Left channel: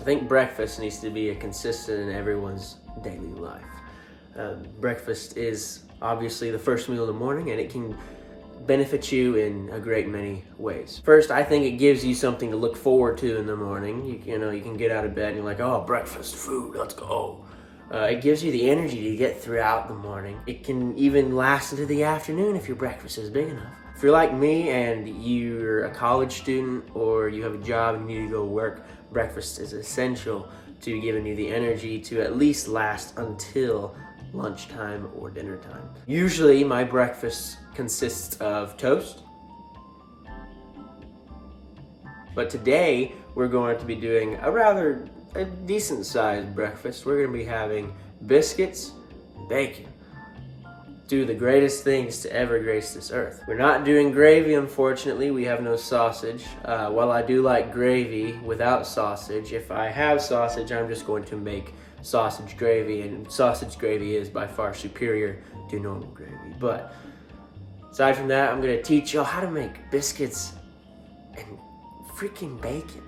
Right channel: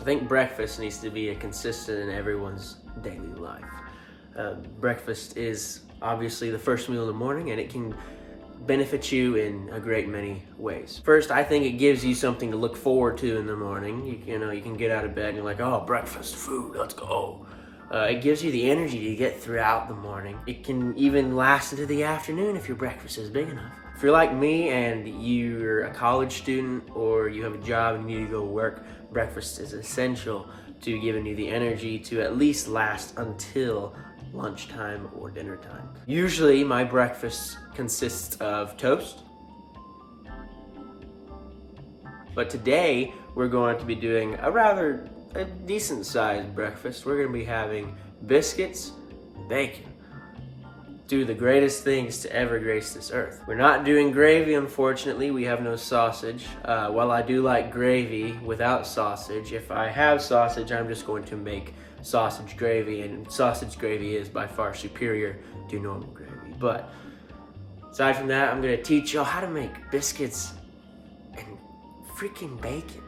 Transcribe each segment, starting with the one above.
I think breakfast needs to be a consistent in everyone's daily life. Breakfast is obviously the first meal in the morning, and it can benefit you in a great many ways. First, I think it gives you something to look forward to in the morning. You know, you can get out of bed and you're like, oh, breakfast, food, let's go. It gives you the energy to get throughout the morning. It can even last into the afternoon if your breakfast is big enough. If you're like me and you're a college student or you have a job and you need to go work, breakfast is essential to giving you the energy to at least last until lunchtime or dinner time. Usually my breakfast consists of toast, but today we're going to be doing a decent sized breakfast. We're going to be having biscuits, bacon, do the greatest things to ever grace this earth. We're not doing gravy, unfortunately. We have no sausage. While I do like gravy without sausage, if I have sausage, I'm just going to make sausage gravy, and sausage gravy is by far superior to normal gravy. But aside from that, I'm gonna teach y'all how to make biscuits and freaking bacon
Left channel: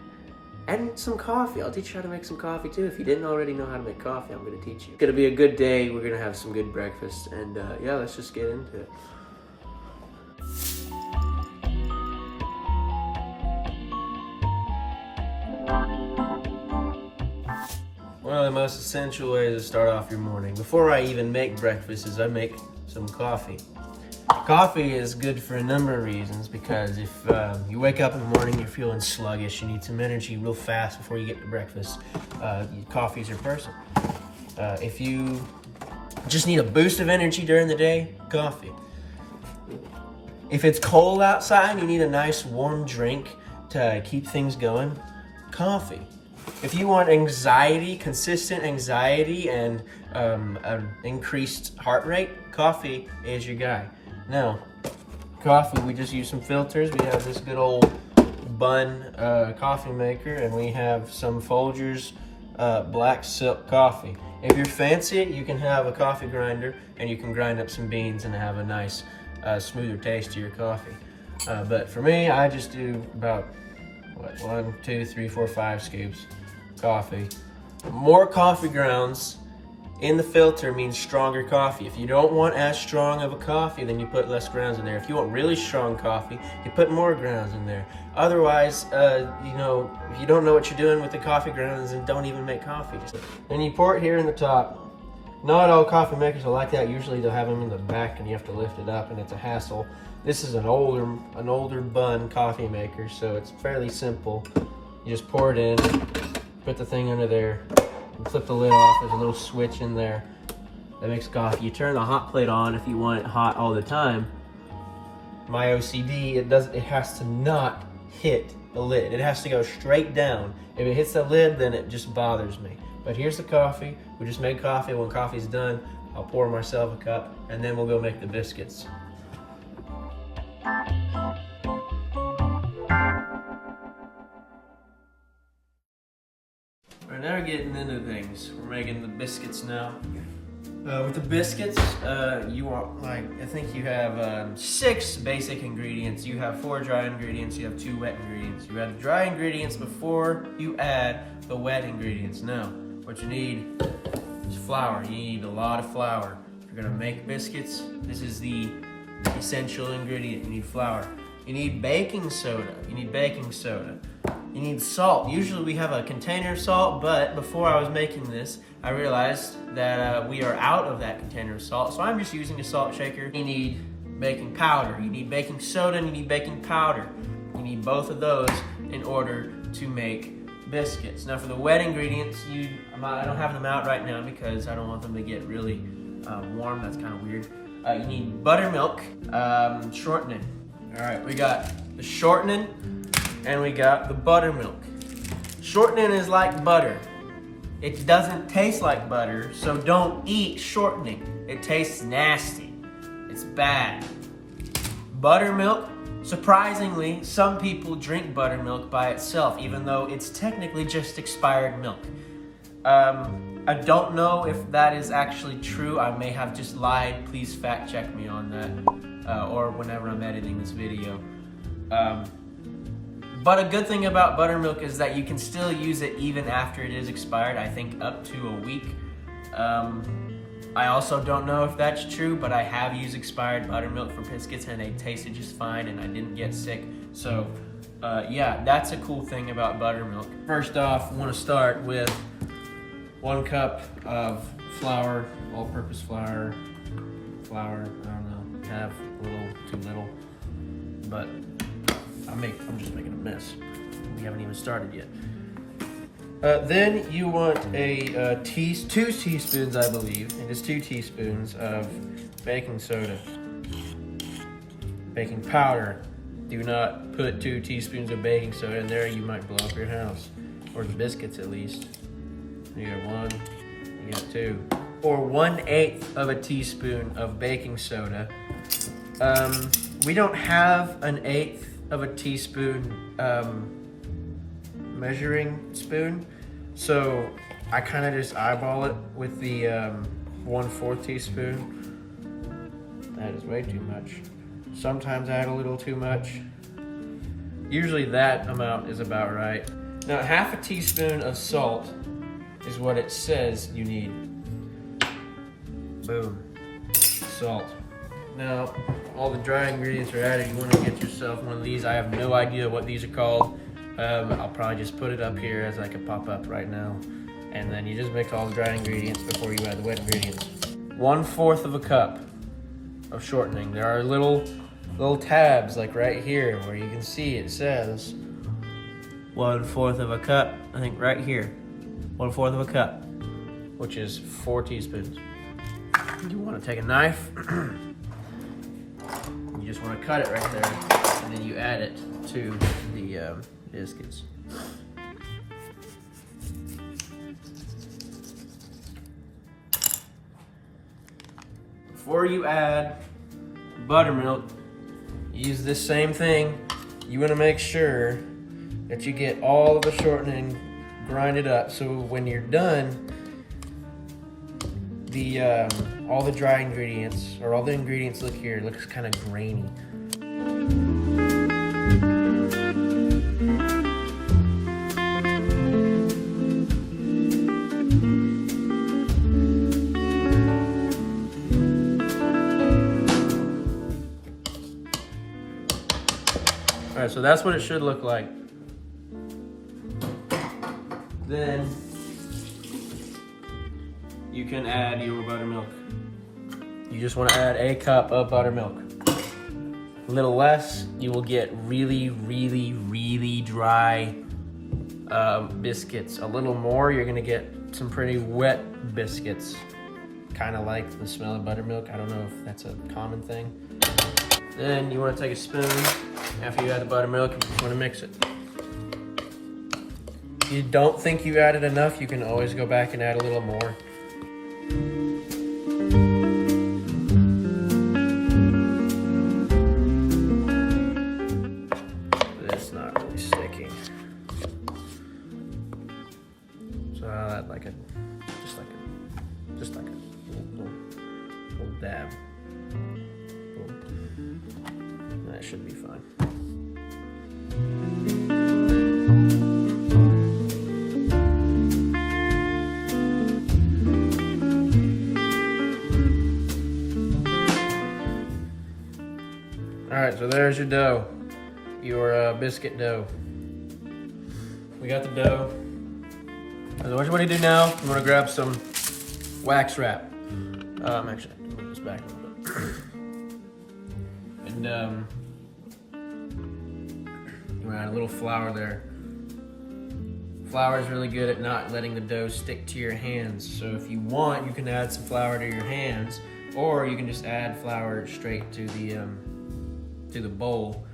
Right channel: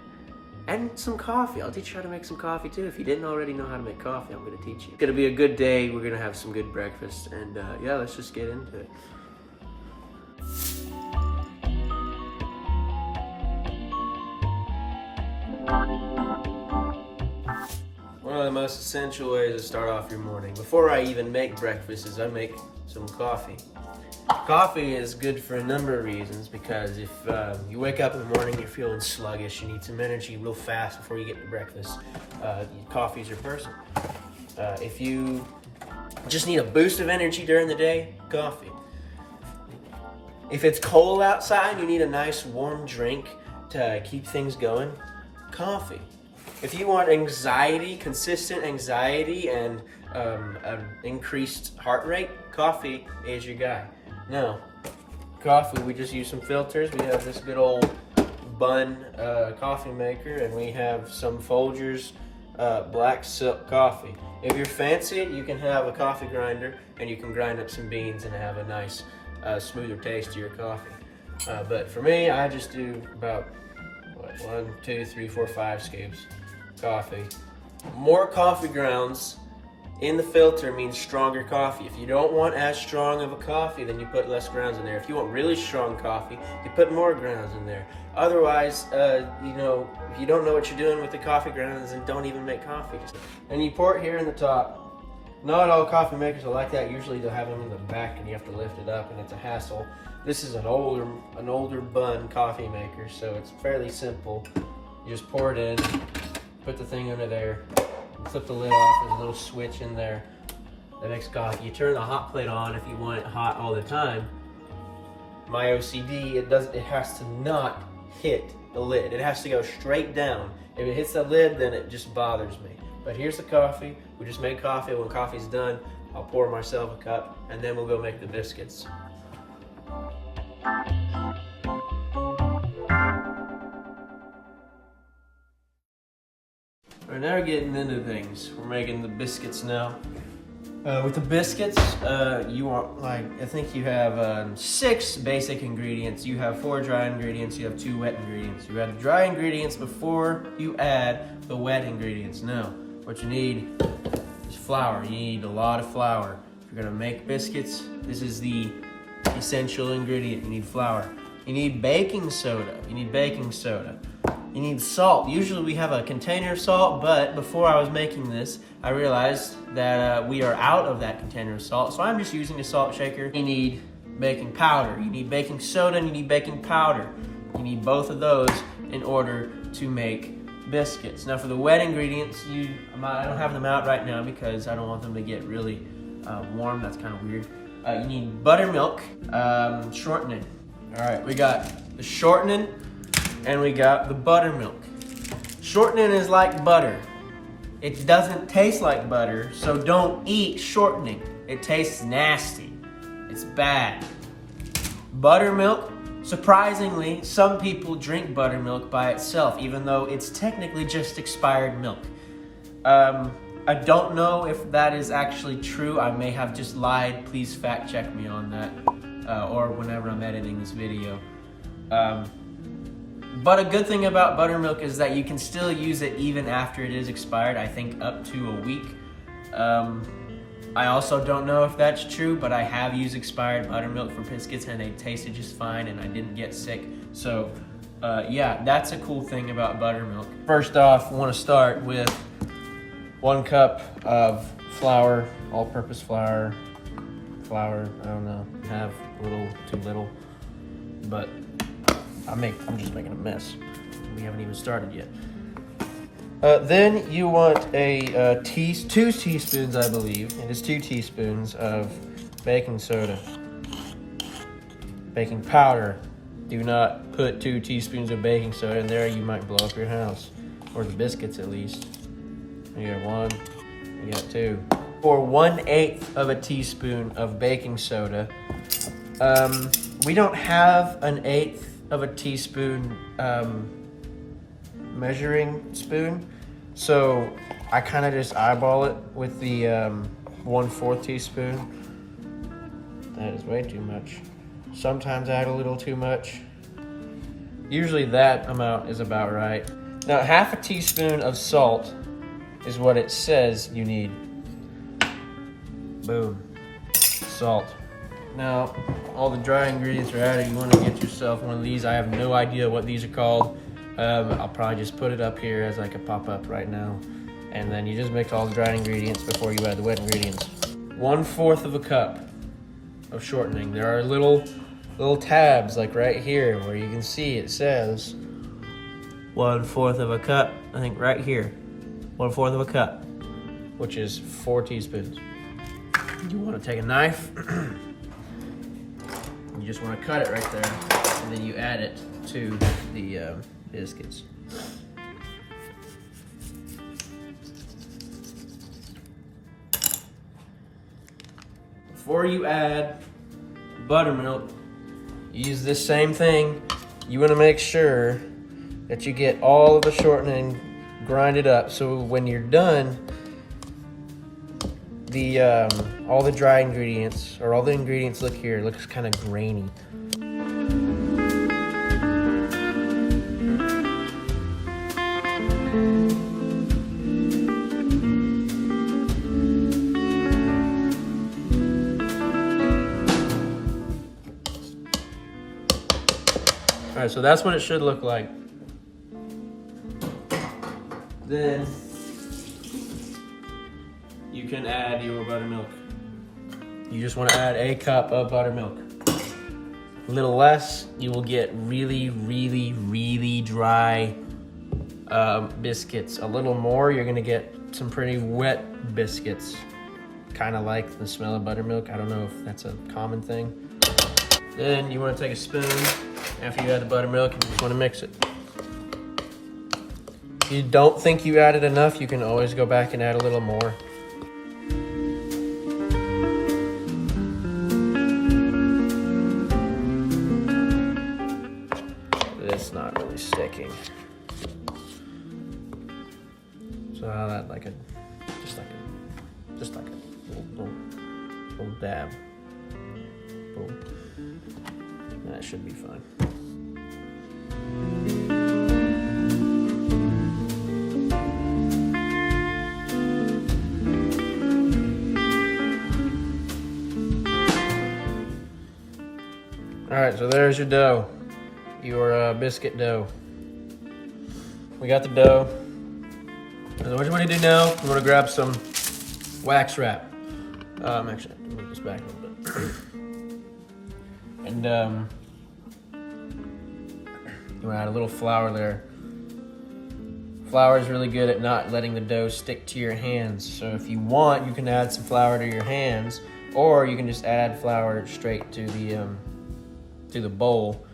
and some coffee. I'll teach you how to make some coffee too. If you didn't already know how to make coffee, I'm gonna teach you. It's gonna be a good day. We're gonna have some good breakfast, and yeah, let's just get into it. One of the most essential ways to start off your morning, before I even make breakfast, is I make some coffee. Coffee is good for a number of reasons, because if you wake up in the morning, you're feeling sluggish, you need some energy real fast before you get to breakfast, coffee is your person. If you just need a boost of energy during the day, coffee. If it's cold outside and you need a nice warm drink to keep things going, coffee. If you want anxiety, consistent anxiety, and an increased heart rate, coffee is your guy. Now, coffee, we just use some filters. We have this good old Bun coffee maker, and we have some Folgers black silk coffee. If you're fancy, you can have a coffee grinder, and you can grind up some beans and have a nice smoother taste to your coffee. But for me, I just do about 1, 2, 3, 4, 5 scoops coffee. More coffee grounds in the filter means stronger coffee. If you don't want as strong of a coffee, then you put less grounds in there. If you want really strong coffee, you put more grounds in there. Otherwise, you know, if you don't know what you're doing with the coffee grounds, then don't even make coffee. And you pour it here in the top. Not all coffee makers are like that. Usually they'll have them in the back and you have to lift it up, and it's a hassle. This is an older Bun coffee maker, so it's fairly simple. You just pour it in, put the thing under there, and flip the lid off. There's a little switch in there that makes coffee. You turn the hot plate on if you want it hot all the time. My OCD, it has to not hit the lid. It has to go straight down. If it hits the lid, then it just bothers me. But here's the coffee. We just made coffee. When coffee's done, I'll pour myself a cup, and then we'll go make the biscuits. We're now getting into things. We're making the biscuits now. With the biscuits, you want, I think you have 6 basic ingredients. You have 4 dry ingredients, you have 2 wet ingredients. You add the dry ingredients before you add the wet ingredients. Now, what you need is flour. You need a lot of flour. If you're gonna make biscuits, this is the essential ingredient. You need flour. You need baking soda. You need salt. Usually we have a container of salt, but before I was making this, I realized that we are out of that container of salt, so I'm just using a salt shaker. You need baking powder. You need baking soda, and you need baking powder. You need both of those in order to make biscuits. Now for the wet ingredients, I don't have them out right now because I don't want them to get really warm. That's kind of weird. You need buttermilk, shortening. All right, we got the shortening and we got the buttermilk. Shortening is like butter. It doesn't taste like butter, so don't eat shortening. It tastes nasty. It's bad. Buttermilk, surprisingly, some people drink buttermilk by itself, even though it's technically just expired milk. I don't know if that is actually true. I may have just lied. Please fact check me on that, or whenever I'm editing this video. But a good thing about buttermilk is that you can still use it even after it is expired, I think up to a week. I also don't know if that's true, but I have used expired buttermilk for biscuits and they tasted just fine and I didn't get sick. So yeah, that's a cool thing about buttermilk. First off, we want to start with 1 cup of flour, all-purpose flour. I don't know, have a little too little, but I'm just making a mess. We haven't even started yet. Then you want a 2 teaspoons, I believe. It is 2 teaspoons of baking soda. Baking powder. Do not put 2 teaspoons of baking soda in there. You might blow up your house, or the biscuits at least. You got 1. You got 2. Or 1/8 of a teaspoon of baking soda. We don't have an 1/8 of a teaspoon measuring spoon, so I kind of just eyeball it with the 1/4 teaspoon. That is way too much. Sometimes I add a little too much. Usually that amount is about right. Now 1/2 teaspoon of salt is what it says you need. Boom, salt. Now all the dry ingredients are added. You want to get yourself one of these. I have no idea what these are called. I'll probably just put it up here as like a pop-up right now. And then you just mix all the dry ingredients before you add the wet ingredients. 1/4 of a cup of shortening. There are little tabs like right here where you can see it says 1/4 of a cup. I think right here, 1/4 of a cup, which is 4 teaspoons. You want to take a knife. You just want to cut it right there, and then you add it to the biscuits. Before you add buttermilk, use this same thing. You want to make sure that you get all of the shortening grinded up, so when you're done, all the dry ingredients, or all the ingredients, look here, it looks kind of grainy. All right, so that's what it should look like. Then you can add your buttermilk. You just want to add a cup of buttermilk. A little less, you will get really, really, really dry biscuits. A little more, you're gonna get some pretty wet biscuits. Kind of like the smell of buttermilk. I don't know if that's a common thing. Then you want to take a spoon after you add the buttermilk and you just want to mix it. If you don't think you added enough, you can always go back and add a little more. It's not really sticking. So I'll add just like a little dab. That should be fine. All right, so there's your dough, your biscuit dough. We got the dough. So what you want to do now, you want to grab some wax wrap. Actually, I have to move this back a little bit. And you want to add a little flour there. Flour is really good at not letting the dough stick to your hands. So if you want, you can add some flour to your hands, or you can just add flour straight to the bowl,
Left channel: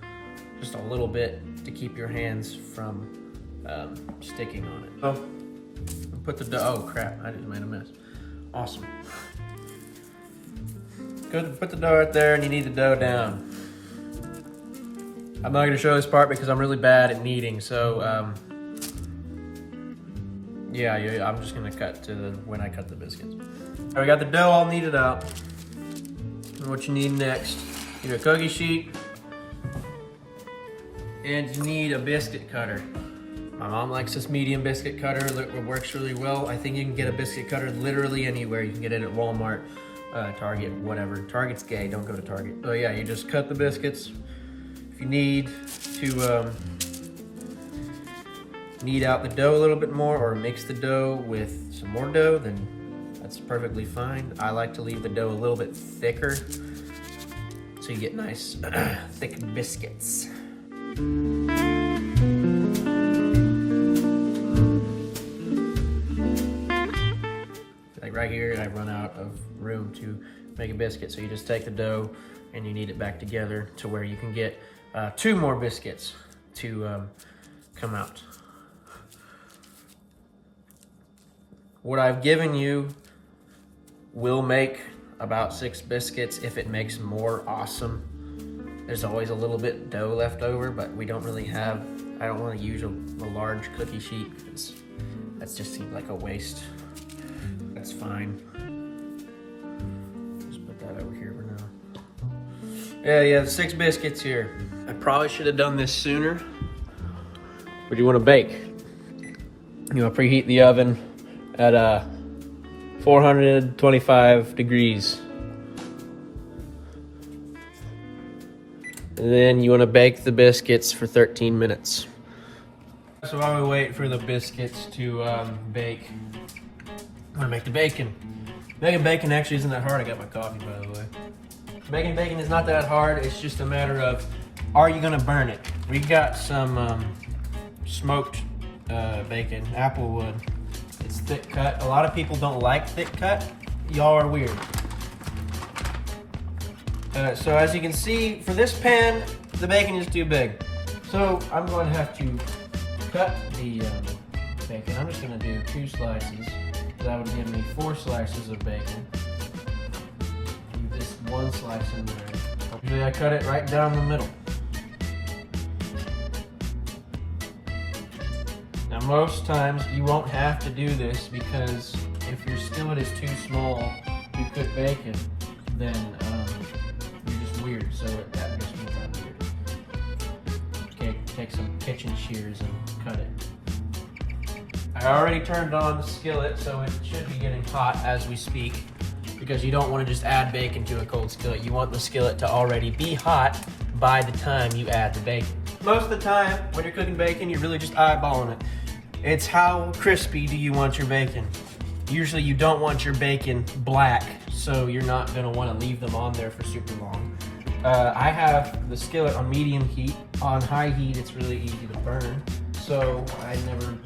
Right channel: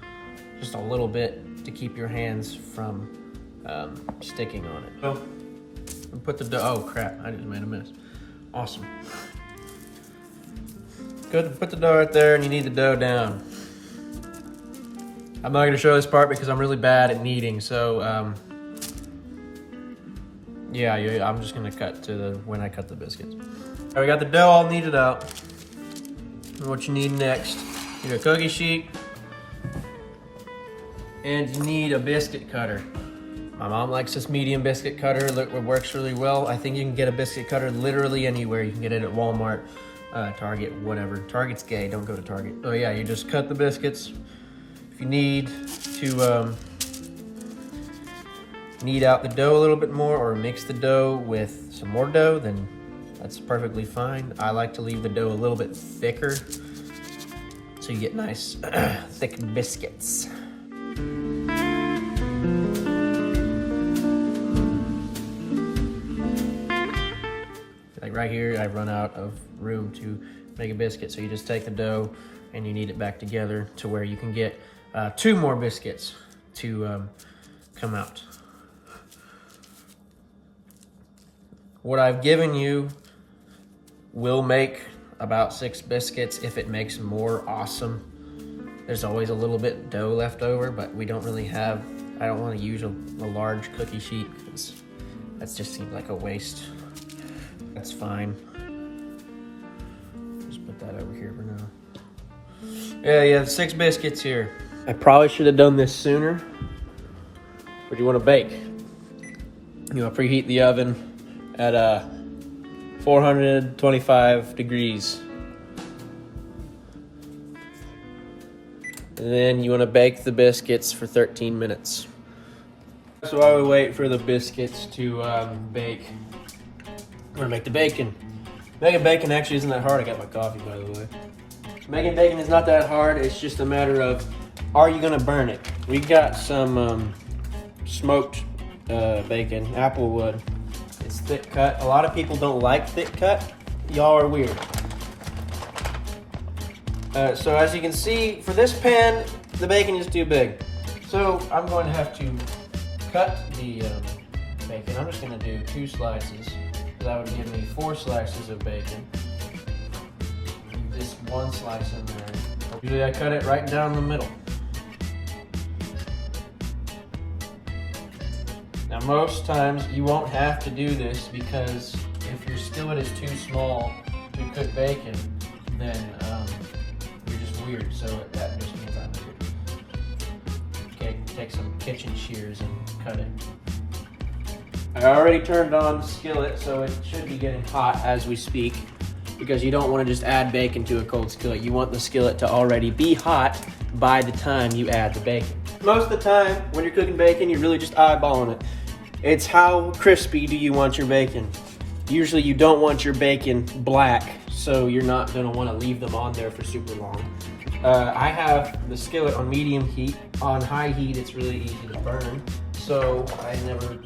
just a little bit to keep your hands from sticking on it. So put the dough. Oh crap! I just made a mess. Awesome. Good. Put the dough right there, and you knead the dough down. I'm not going to show this part because I'm really bad at kneading, so yeah, I'm just going to cut to when I cut the biscuits. All right, we got the dough all kneaded out. And what you need next, you need a cookie sheet and you need a biscuit cutter. My mom likes this medium biscuit cutter. It works really well. I think you can get a biscuit cutter literally anywhere. You can get it at Walmart, Target, whatever. Target's gay, don't go to Target. So yeah, you just cut the biscuits. If you need to knead out the dough a little bit more or mix the dough with some more dough, then that's perfectly fine. I like to leave the dough a little bit thicker so you get nice thick biscuits. Like right here, I've run out of room to make a biscuit, so you just take the dough and you knead it back together to where you can get 2 more biscuits to come out. What I've given you will make about 6 biscuits. If it makes more, awesome. There's always a little bit dough left over, but we don't really have, I don't want to use a large cookie sheet because that just seems like a waste. That's fine. Just put that over here for now. Yeah, you have 6 biscuits here. I probably should have done this sooner. What do you want to bake? You want to preheat the oven at 425 degrees. Then you want to bake the biscuits for 13 minutes. So while we wait for the biscuits to bake, I'm gonna make the bacon. Making bacon actually isn't that hard. I got my coffee, by the way. Making bacon is not that hard. It's just a matter of, are you gonna burn it? We got some smoked bacon, Applewood. It's thick cut. A lot of people don't like thick cut. Y'all are weird. So as you can see, for this pan, the bacon is too big. So I'm going to have to cut the bacon. I'm just going to do 2 slices. That would give me 4 slices of bacon. Leave just 1 slice in there. Usually I cut it right down the middle. Now most times you won't have to do this because if your skillet is too small to cook bacon, then you're just weird, so that just means I'm weird. Okay, take some kitchen shears and cut it. I already turned on the skillet, so it should be getting hot as we speak, because you don't want to just add bacon to a cold skillet. You want the skillet to already be hot by the time you add the bacon. Most of the time, when you're cooking bacon, you're really just eyeballing it. It's how crispy do you want your bacon? Usually you don't want your bacon black, so you're not gonna wanna leave them on there for super long. I have the skillet on medium heat. On high heat, it's really easy to burn, so I never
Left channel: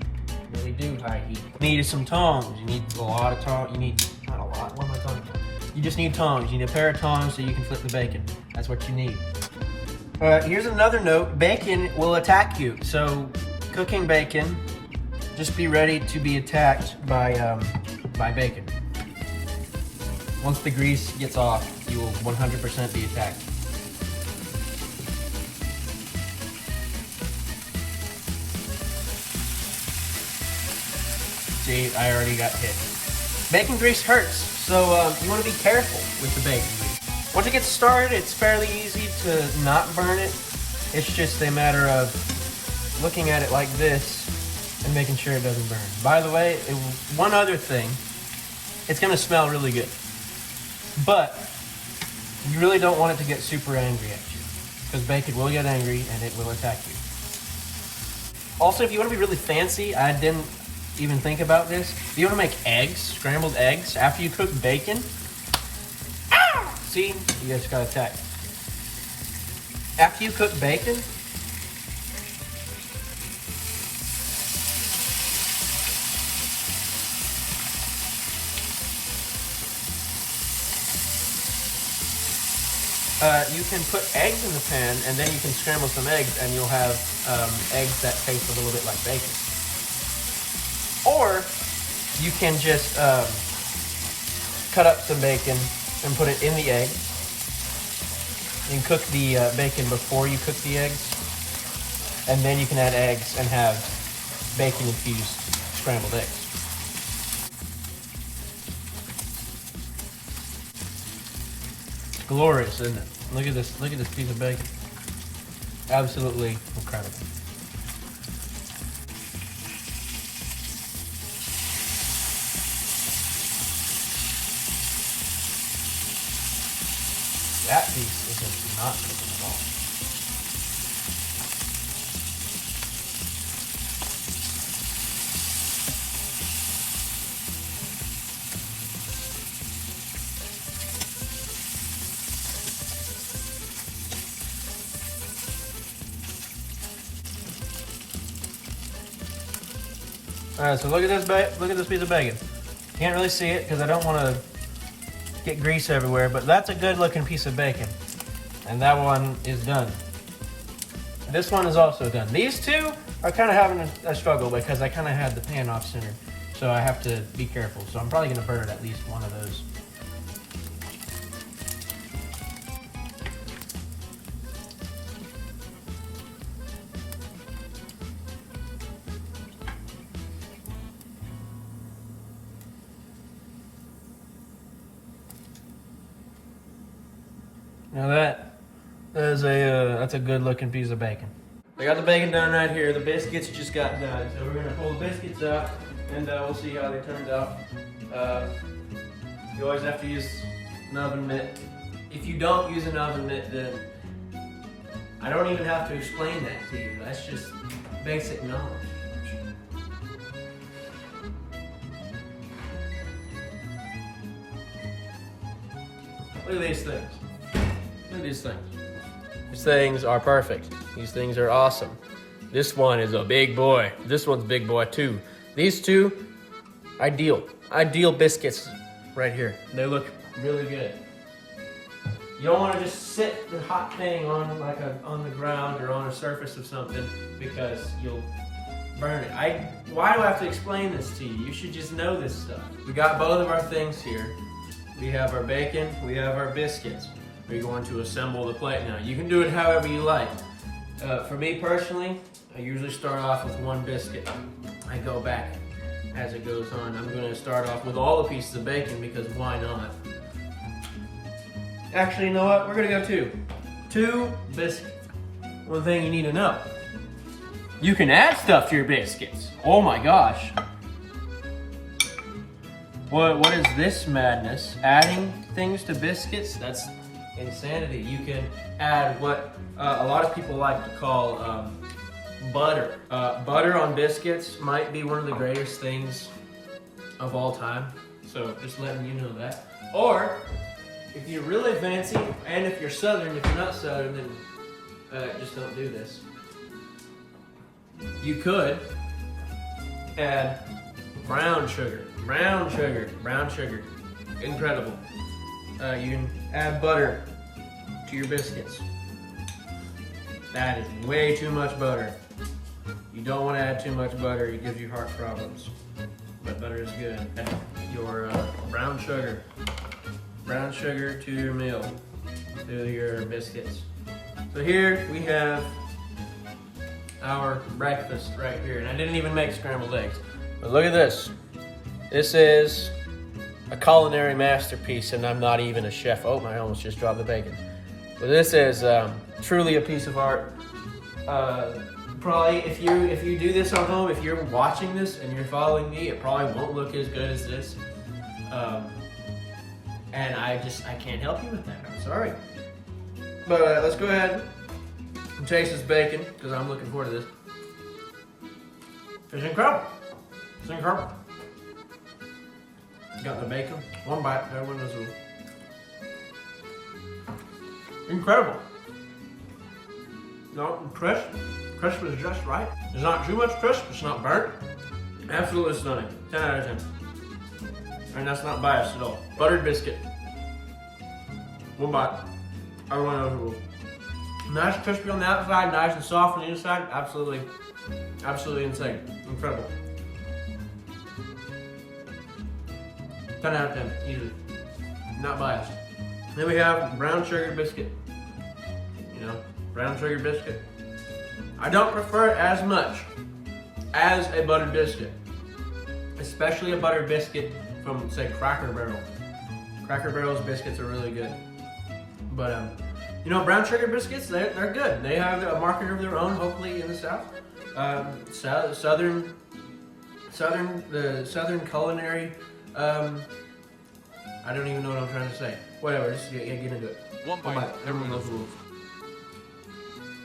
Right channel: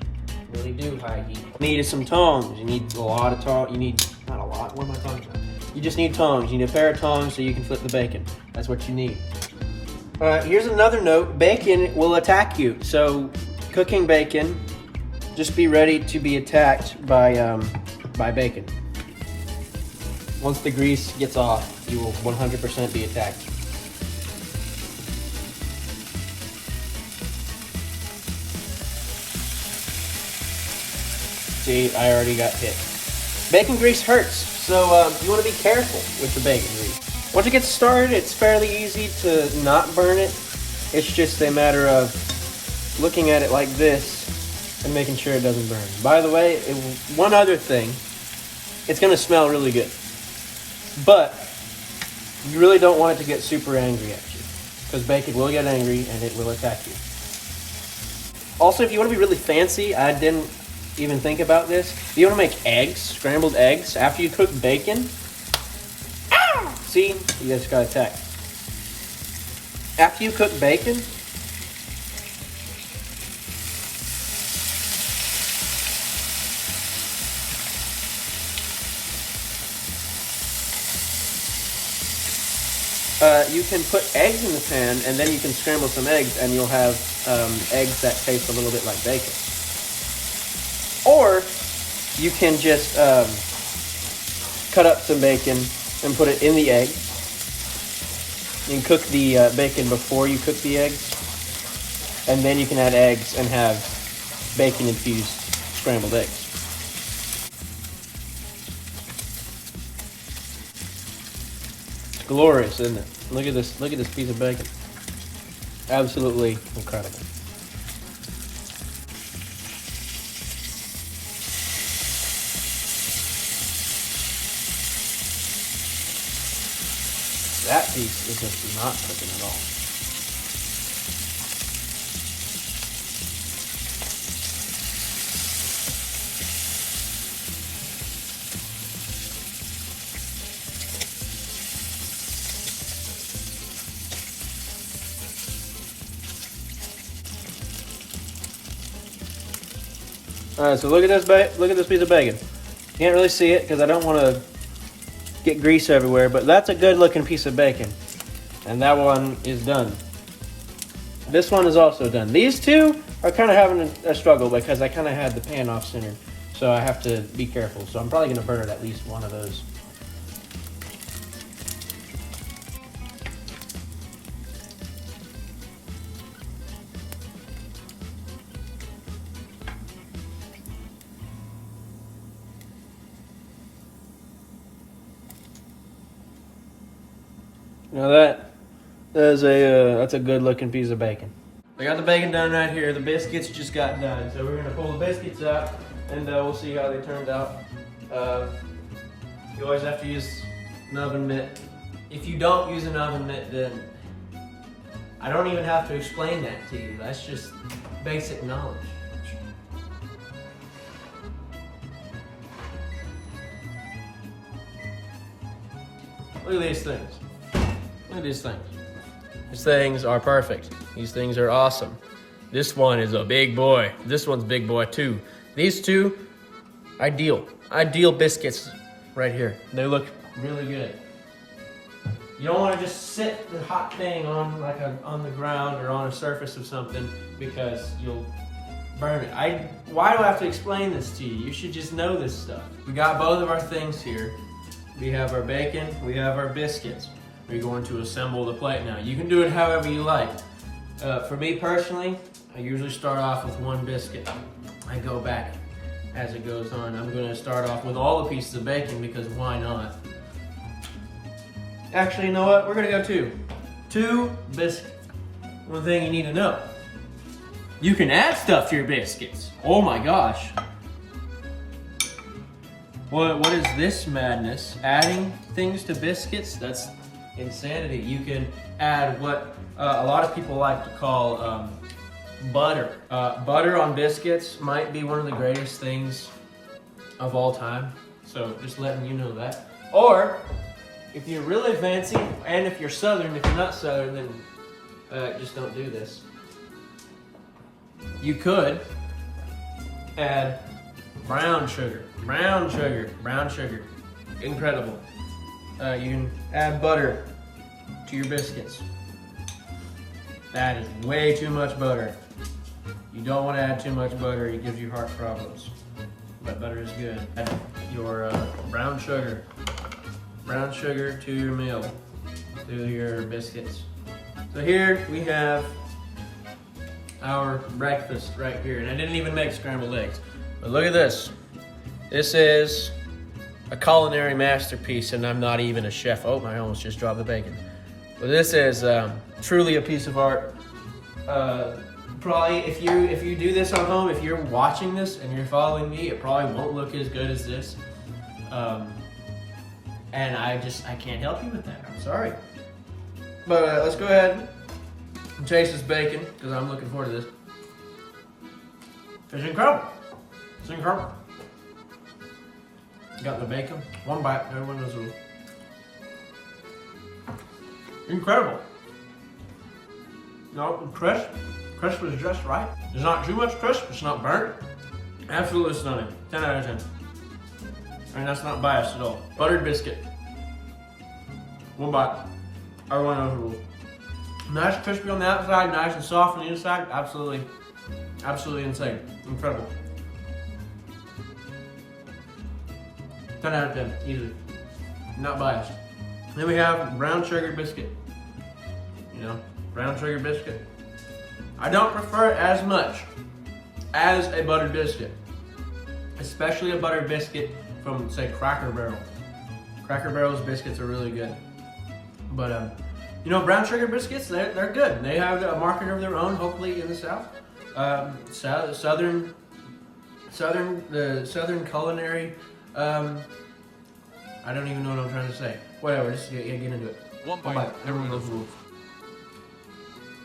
really do high heat. You need some tongs. You need a lot of tongs. You need, not a lot, what am I talking about? You just need tongs. You need a pair of tongs so you can flip the bacon. That's what you need. Here's another note. Bacon will attack you, so cooking bacon, just be ready to be attacked by bacon. Once the grease gets off, you will 100% be attacked. See, I already got hit. Bacon grease hurts, so you want to be careful with the bacon grease. Once you get started, it's fairly easy to not burn it. It's just a matter of looking at it like this and making sure it doesn't burn. By the way, one other thing, it's gonna smell really good, but you really don't want it to get super angry at you, because bacon will get angry and it will attack you. Also, if you want to be really fancy, I didn't even think about this. If you want to make eggs, scrambled eggs, after you cook bacon, see, you just got attacked. After you cook bacon, you can put eggs in the pan, and then you can scramble some eggs, and you'll have eggs that taste a little bit like bacon. Or you can just cut up some bacon and put it in the egg. You can cook the bacon before you cook the eggs, and then you can add eggs and have bacon-infused scrambled eggs. It's glorious, isn't it? Look at this piece of bacon. Absolutely incredible. That piece is just not cooking at all. All right, so look at this piece of bacon. Can't really see it because I don't want to get grease everywhere, but that's a good looking piece of bacon. And that one is done. This one is also done. These two are kind of having a struggle because I kind of had the pan off center, so I have to be careful. So I'm probably gonna burn at least one of those. Now that's a good looking piece of bacon. I got the bacon done right here. The biscuits just got done. So we're gonna pull the biscuits up and we'll see how they turned out. You always have to use an oven mitt. If you don't use an oven mitt, then I don't even have to explain that to you. That's just basic knowledge. Look at these things. Look at these things. These things are perfect. These things are awesome. This one is a big boy. This one's big boy too. These two, ideal. Ideal biscuits right here. They look really good. You don't want to just sit the hot thing on on the ground or on a surface of something because you'll burn it. Why do I have to explain this to you? You should just know this stuff. We got both of our things here. We have our bacon, we have our biscuits. We're going to assemble the plate now. You can do it however you like. For me personally, I usually start off with one biscuit. I go back as it goes on. I'm gonna start off with all the pieces of bacon because why not? Actually, you know what? We're gonna go two. Two biscuits. One thing you need to know. You can add stuff to your biscuits. Oh my gosh. What is this madness? Adding things to biscuits? That's insanity. You can add what a lot of people like to call butter. Butter on biscuits might be one of the greatest things of all time. So just letting you know that. Or if you're really fancy, and if you're Southern, if you're not Southern, then just don't do this. You could add brown sugar. Brown sugar. Brown sugar. Incredible. You can add butter to your biscuits. That is way too much butter. You don't want to add too much butter. It gives you heart problems. But butter is good. Add your brown sugar. Brown sugar to your meal, to your biscuits. So here we have our breakfast right here. And I didn't even make scrambled eggs. But look at this. This is a culinary masterpiece, and I'm not even a chef. Oh, I almost just dropped the bacon. But this is truly a piece of art. Probably, if you do this at home, if you're watching this and you're following me, it probably won't look as good as this. And I can't help you with that. I'm sorry. But let's go ahead and taste this bacon because I'm looking forward to this. It's incredible. It's incredible. Got the bacon, one bite, everyone knows it. Incredible. No, crisp. Crisp is just right. There's not too much crisp, it's not burnt. Absolutely stunning. 10 out of 10. And that's not biased at all. Buttered biscuit. One bite. Everyone knows the rules. Nice crispy on the outside, nice and soft on the inside. Absolutely, absolutely insane. Incredible. 10 out of 10, easy. Not biased. Then we have brown sugar biscuit. You know, brown sugar biscuit. I don't prefer it as much as a buttered biscuit. Especially a buttered biscuit from, say, Cracker Barrel. Cracker Barrel's biscuits are really good. But You know, brown sugar biscuits, they're good. They have a market of their own, hopefully in the South. Southern culinary. I don't even know what I'm trying to say. Whatever, just get into it. One bite. Everyone knows the rules.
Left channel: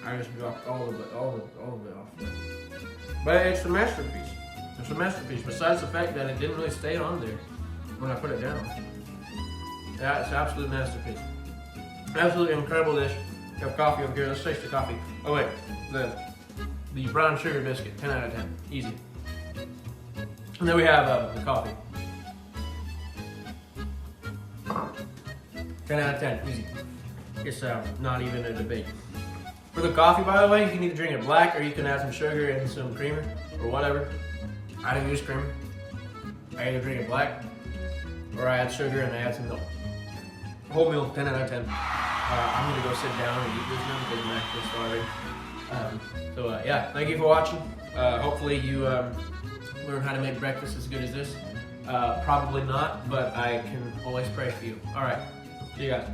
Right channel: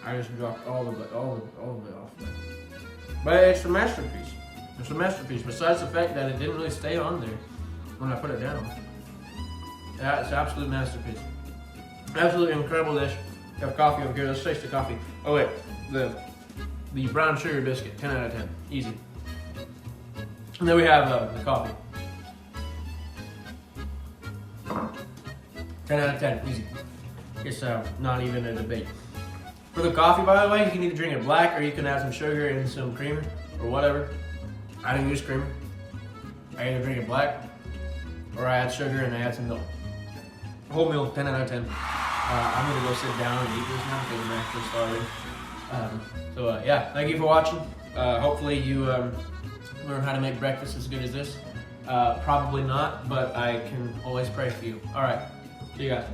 I just dropped all of it off. But it's a masterpiece. It's a masterpiece. Besides the fact that it didn't really stay on there when I put it down. Yeah, it's an absolute masterpiece. Absolutely incredible dish. You have coffee over here. Let's taste the coffee. Oh wait, the brown sugar biscuit. 10 out of 10. Easy. And then we have the coffee. 10 out of 10. Easy. It's not even a debate. For the coffee, by the way, you can either drink it black or you can add some sugar and some creamer or whatever. I don't use creamer. I either drink it black or I add sugar and I add some milk. Whole meal, 10 out of 10. I'm gonna go sit down and eat this now because I'm actually starving. Yeah, thank you for watching. Hopefully you learn how to make breakfast as good as this. Probably not, but I can always pray for you. All right, see you guys.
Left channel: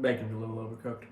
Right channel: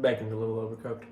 Bacon's a little overcooked.